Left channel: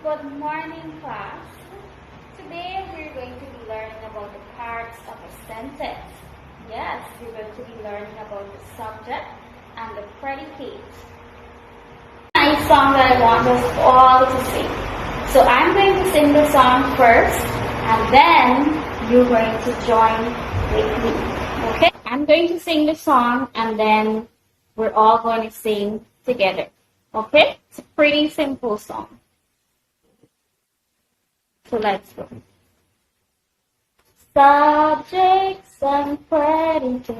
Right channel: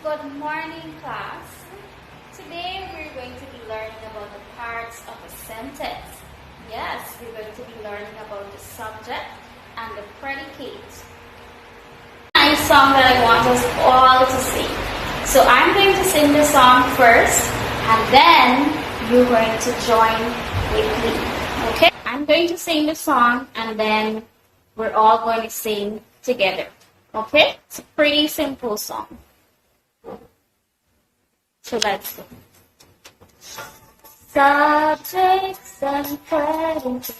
Good morning, class. Today we're going to be learning about the parts of a sentence. Yes, we're going to be learning about the subject and the predicate. Nice song that I want us all to sing. So I'm going to sing the song first, and then you're going to join with me. Okay? I'm going to sing the song, and then we're all going to sing together. Okay? It's a pretty simple song. So let's go. Subjects and predicates.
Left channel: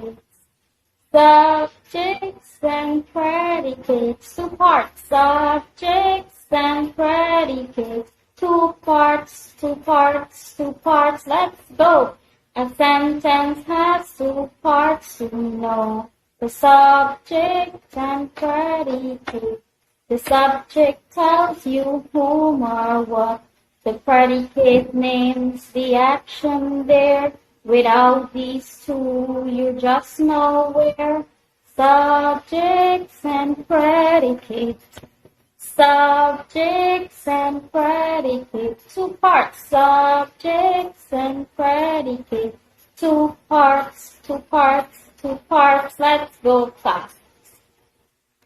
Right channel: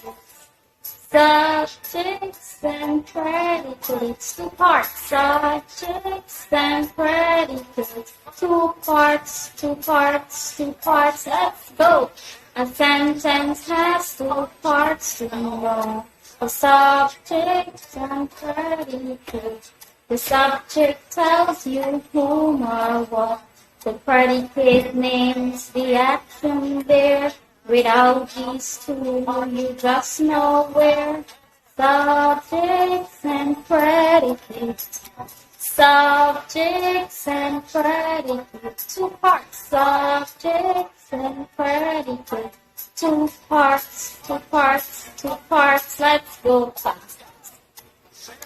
Subjects and predicates. Two parts. Subjects and predicates. Two parts, two parts, two parts. Let's go. A sentence has two parts to know. The subject and predicate. The subject tells you whom or what. The predicate names the action there. Without these two, you just know where. Subjects and predicates. Subjects and predicates. Two parts. Subjects and predicates. Two parts, two parts, two parts. Let's go, class.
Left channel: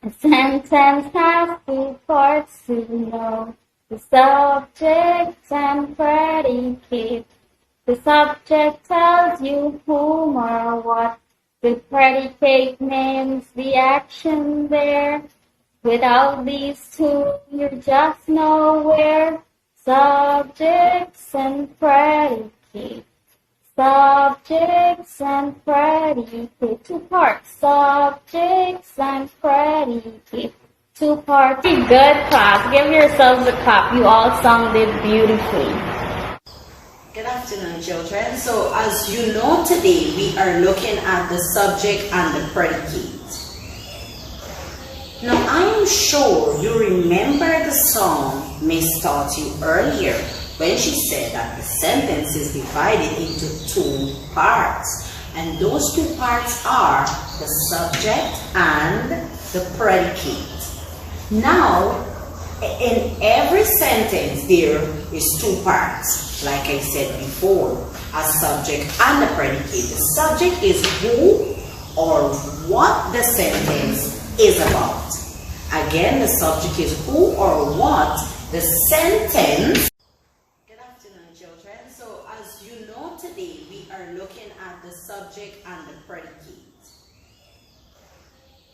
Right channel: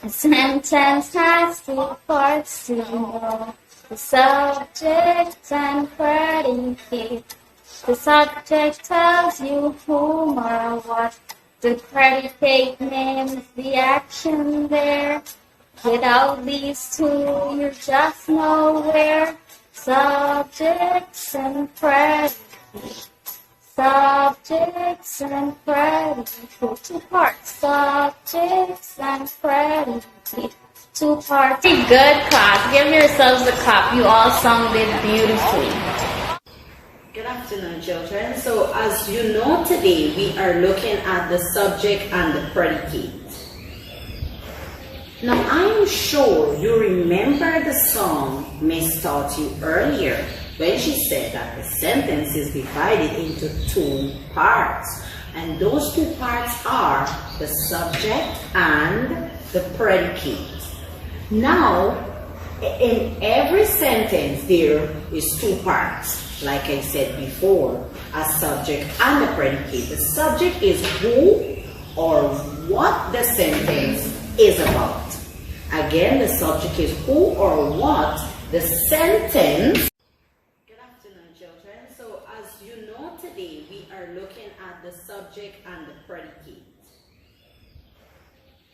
A sentence has two parts to know. The subject and predicate. The subject tells you whom or what. The predicate names the action there. Without these two, you're just nowhere. Subjects and predicate. Subjects and predicate. Two parts. Subjects and predicate. Two parts. Good, class. Give yourselves a clap. You all sung it beautifully. Good afternoon, children. So as you know, today we are looking at the subject and the predicate. Now I am sure you remember the song Miss taught you earlier when she said that the sentence is divided into two parts. And those two parts are the subject and the predicate. Now, in every sentence, there is two parts, like I said before, a subject and a predicate. The subject is who or what the sentence is about. Again, the subject is who or what the sentence. Good afternoon, children. So, as you know, today we are looking at the subject and the predicate.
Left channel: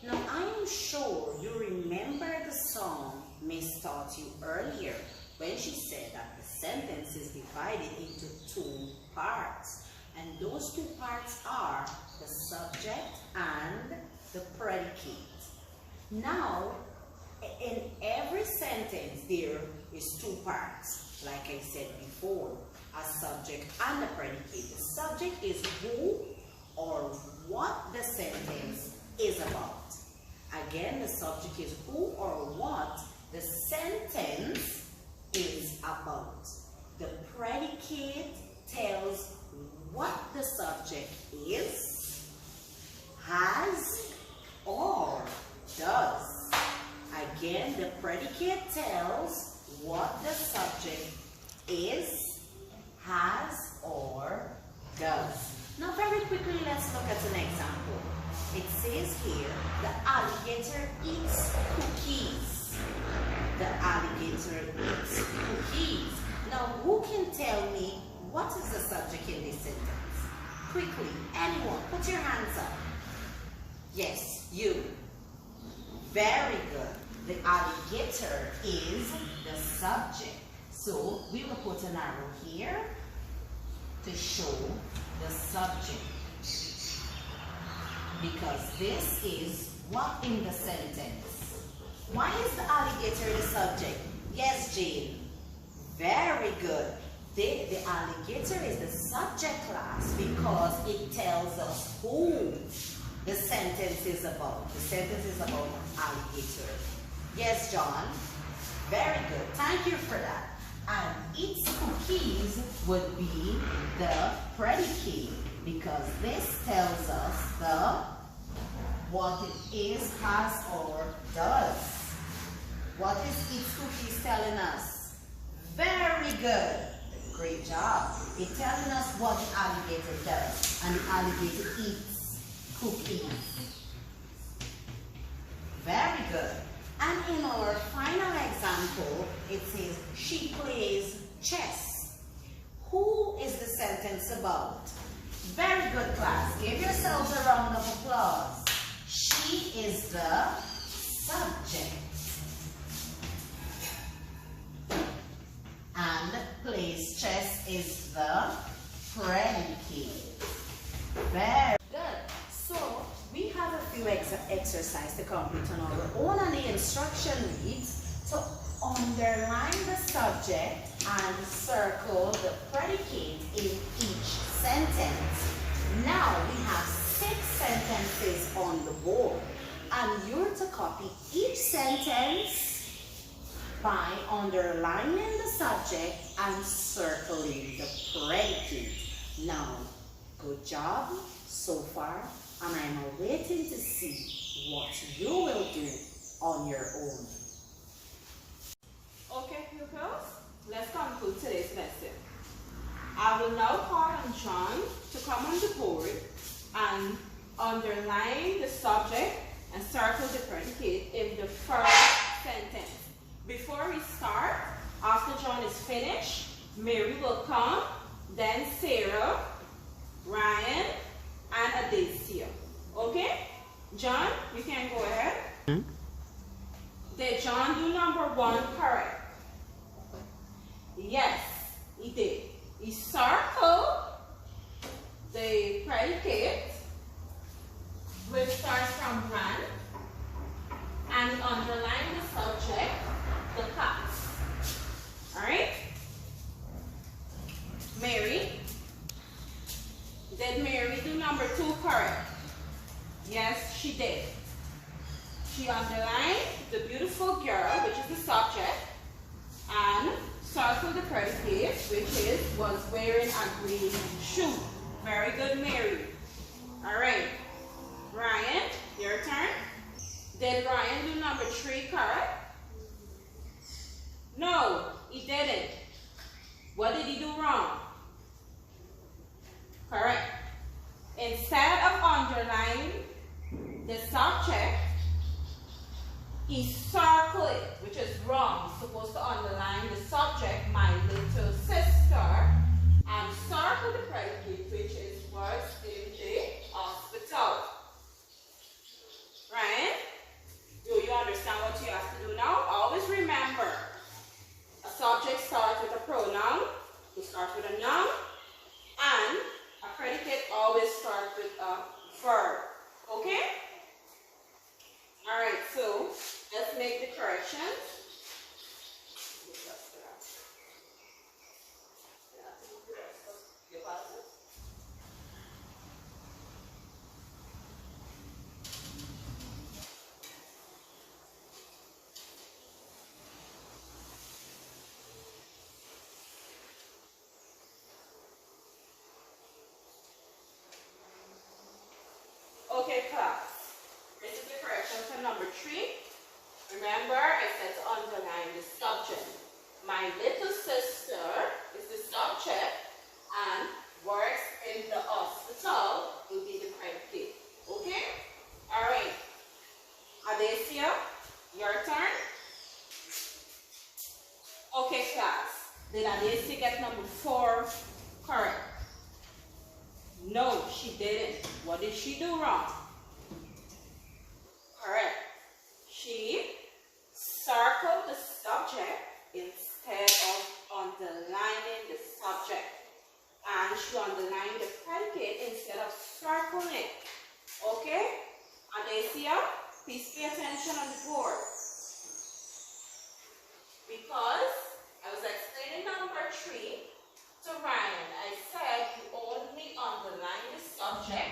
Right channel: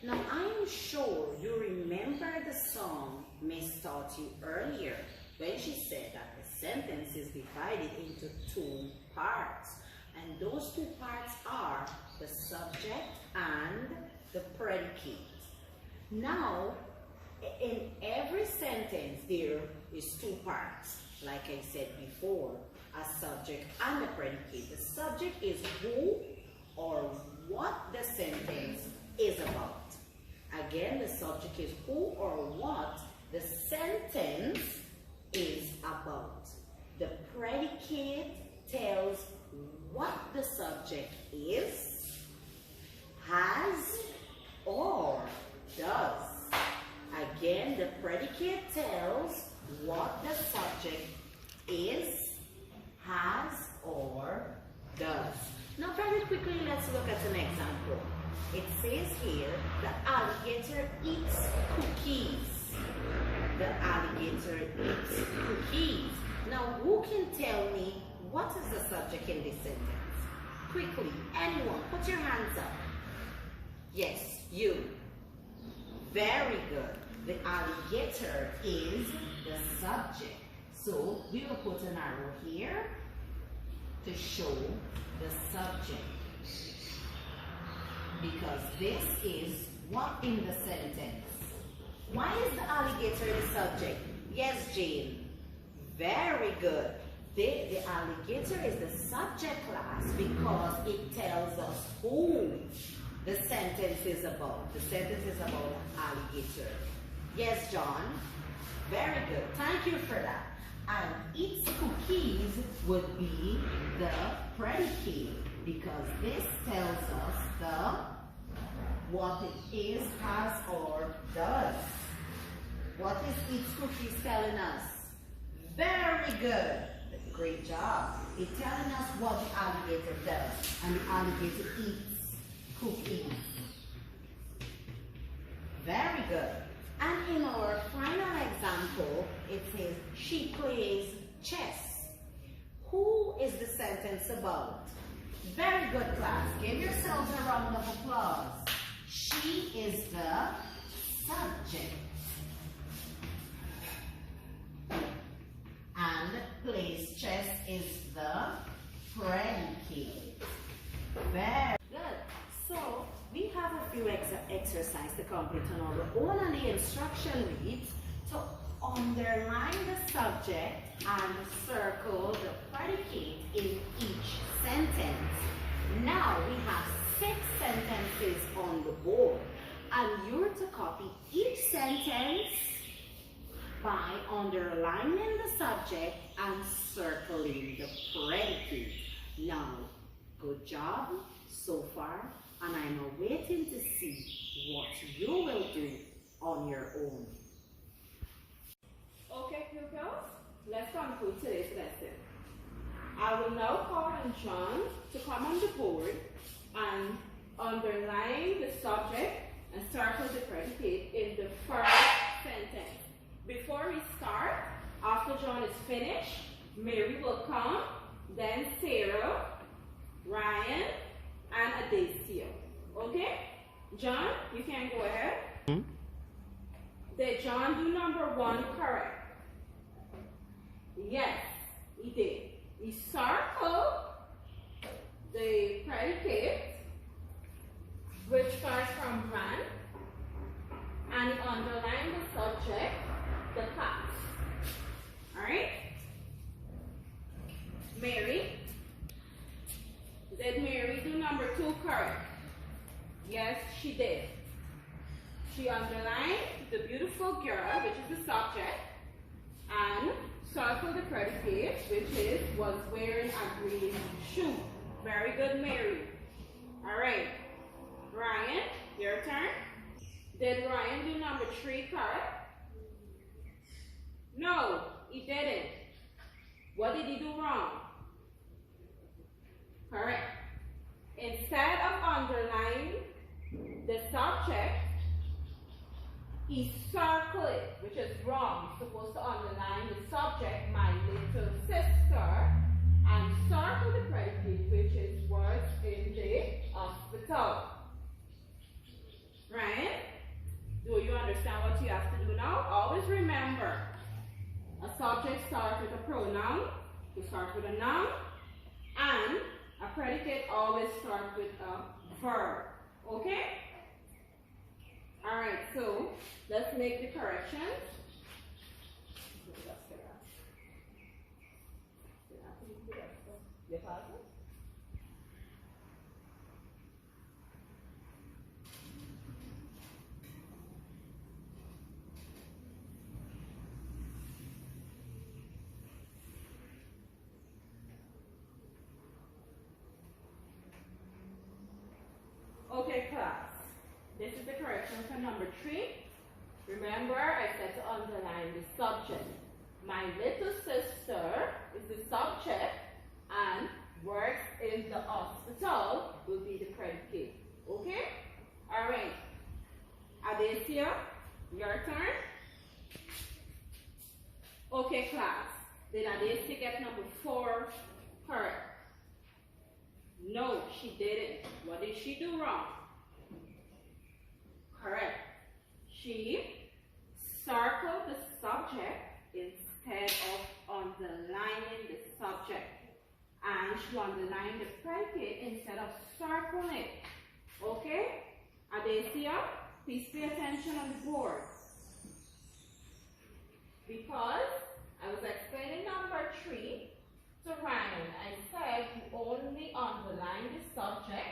Now, I am sure you remember the song Miss taught you earlier when she said that the sentence is divided into two parts. And those two parts are the subject and the predicate. Now, in every sentence, there is two parts, like I said before, a subject and a predicate. The subject is who or what the sentence is about. Again, the subject is who or what the sentence is about. The predicate tells what the subject is, has, or does. Again, the predicate tells what the subject is, has, or does. Now, very quickly, let's look at an example. It says here, the alligator eats cookies. The alligator eats cookies. Now, who can tell me what is the subject in this sentence? Quickly, anyone, put your hands up. Yes, you. Very good. The alligator is the subject. So, we will put an arrow here to show the subject. Because this is what in the sentence. Why is the alligator the subject? Yes, Jane. Very good. The alligator is the subject, class, because it tells us who the sentence is about. The sentence is about alligator. Yes, John. Very good. Thank you for that. And eats cookies would be the predicate, because this tells us what it is, has, or does. What is eats cookies telling us? Very good. Great job. It's telling us what the alligator does. And the alligator eats cookies. Very good. And in our final example, it says, she plays chess. Who is the sentence about? Very good, class. Give yourselves a round of applause. She is the subject. And plays chess is the predicate. Very good. So, we have a few exercises to complete on our own, and the instruction reads to underline the subject and circle the predicate in each sentence. Now we have 6 sentences on the board, and you're to copy each sentence by underlining the subject and circling the predicate. Now, good job so far, and I'm waiting to see what you will do on your own. Okay, pupils, let's conclude today's lesson. I will now call on John to come on the board and underline the subject and circle the predicate in the first sentence. Before we start, after John is finished, Mary will come, then Sarah, Ryan, and Adacia. Okay? John, you can go ahead. Did John do number 1 correct? Yes, he did. He circled the predicate, which starts from ran, and underline the subject, the class. Alright? Mary. Did Mary do number 2 correct? Yes, she did. She underlined the beautiful girl, which is the subject, and circled the predicate, which was wearing a green shoe. Very good, Mary. Alright. Ryan, your turn. Did Ryan do number 3 correct? No, he didn't. What did he do wrong? Correct. Instead of underlining the subject, he circled it, which is wrong. He's supposed to underline the subject, my little sister, and circle the predicate, which is works in the hospital. Right? Do you understand what you have to do now? Always remember, a subject starts with a pronoun, it starts with a noun, and a predicate always starts with a verb. Okay? Alright, so let's make the corrections. Okay, class. This is the correction for number 3. Remember, I said to underline the subject. My little sister is the subject, and works in the hospital will be the predicate. Okay? Alright. Adacia, your turn. Okay, class. Did Adacia get number 4 correct? No, she didn't. What did she do wrong? Correct. She circled the subject instead of underlining the subject. And she underlined the predicate instead of circling it. Okay? Adacia, please pay attention on the board. Because I was explaining number 3 to Ryan. I said you only underline the subject,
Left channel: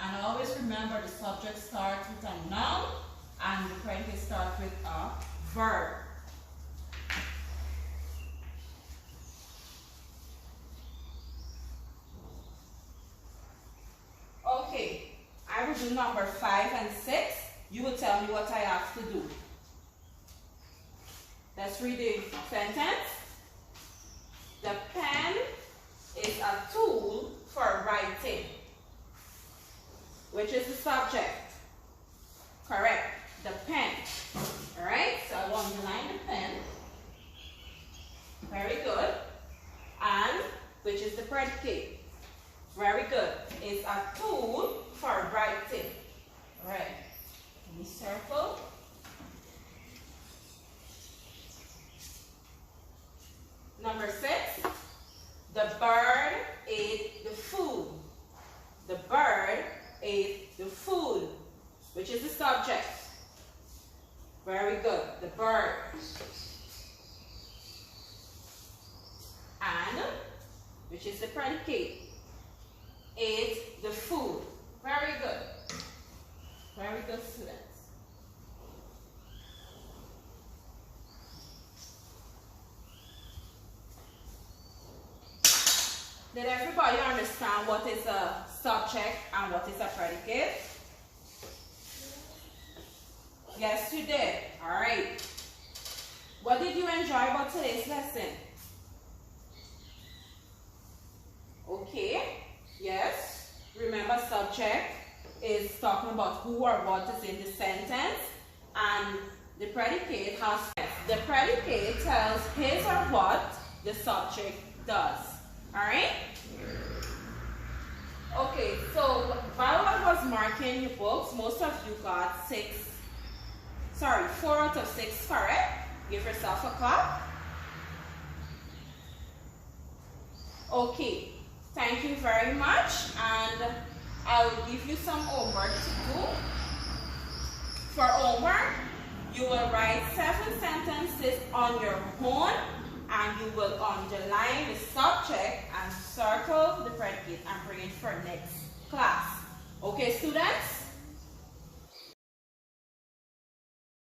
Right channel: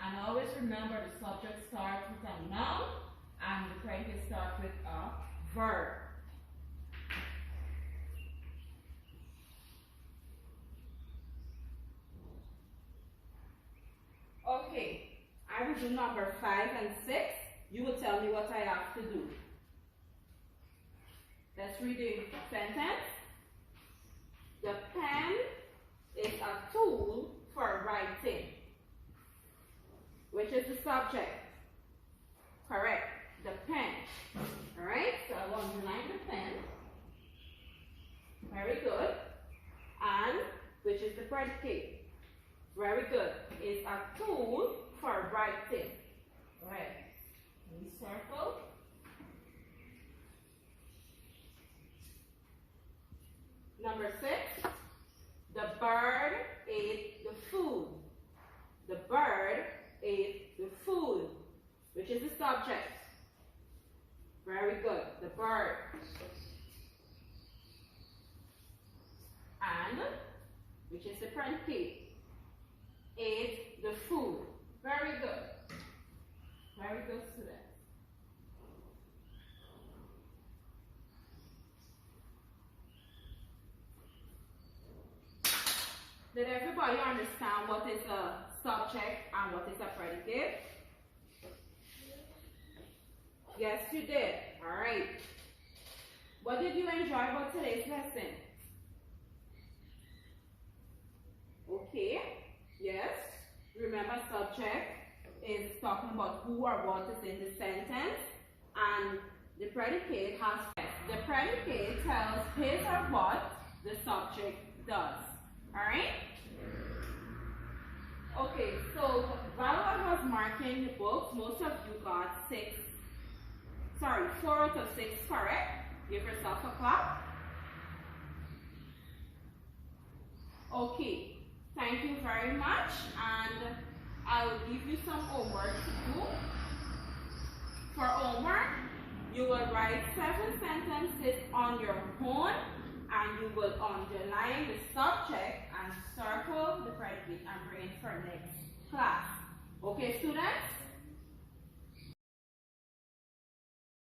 and always remember the subject starts with a noun and the predicate starts with a verb. Okay, I will do number 5 and 6. You will tell me what I have to do. Let's read the sentence. which is the subject. Correct. The pen. Alright, so I'll underline the pen. Very good. And which is the predicate. Very good. It's a tool for writing. Alright. Let me circle. Number 6. The bird ate the food. The bird ate the food, which is the subject. Very good. The bird. And, which is the predicate, ate the food. Very good. Very good, students. Did everybody understand what is a subject and what is a predicate? Yes, you did. All right. What did you enjoy about today's lesson? Okay. Yes. Remember, subject is talking about who or what is in the sentence, and the predicate has the predicate tells his or what the subject does. All right. Okay, so while I was marking your books, most of you got 4 out of 6 correct. Give yourself a clap. Okay, thank you very much, and I will give you some homework to do. For homework, you will write 7 sentences on your own, and you will underline the subject and circle the predicate and bring it for next class. Okay, students?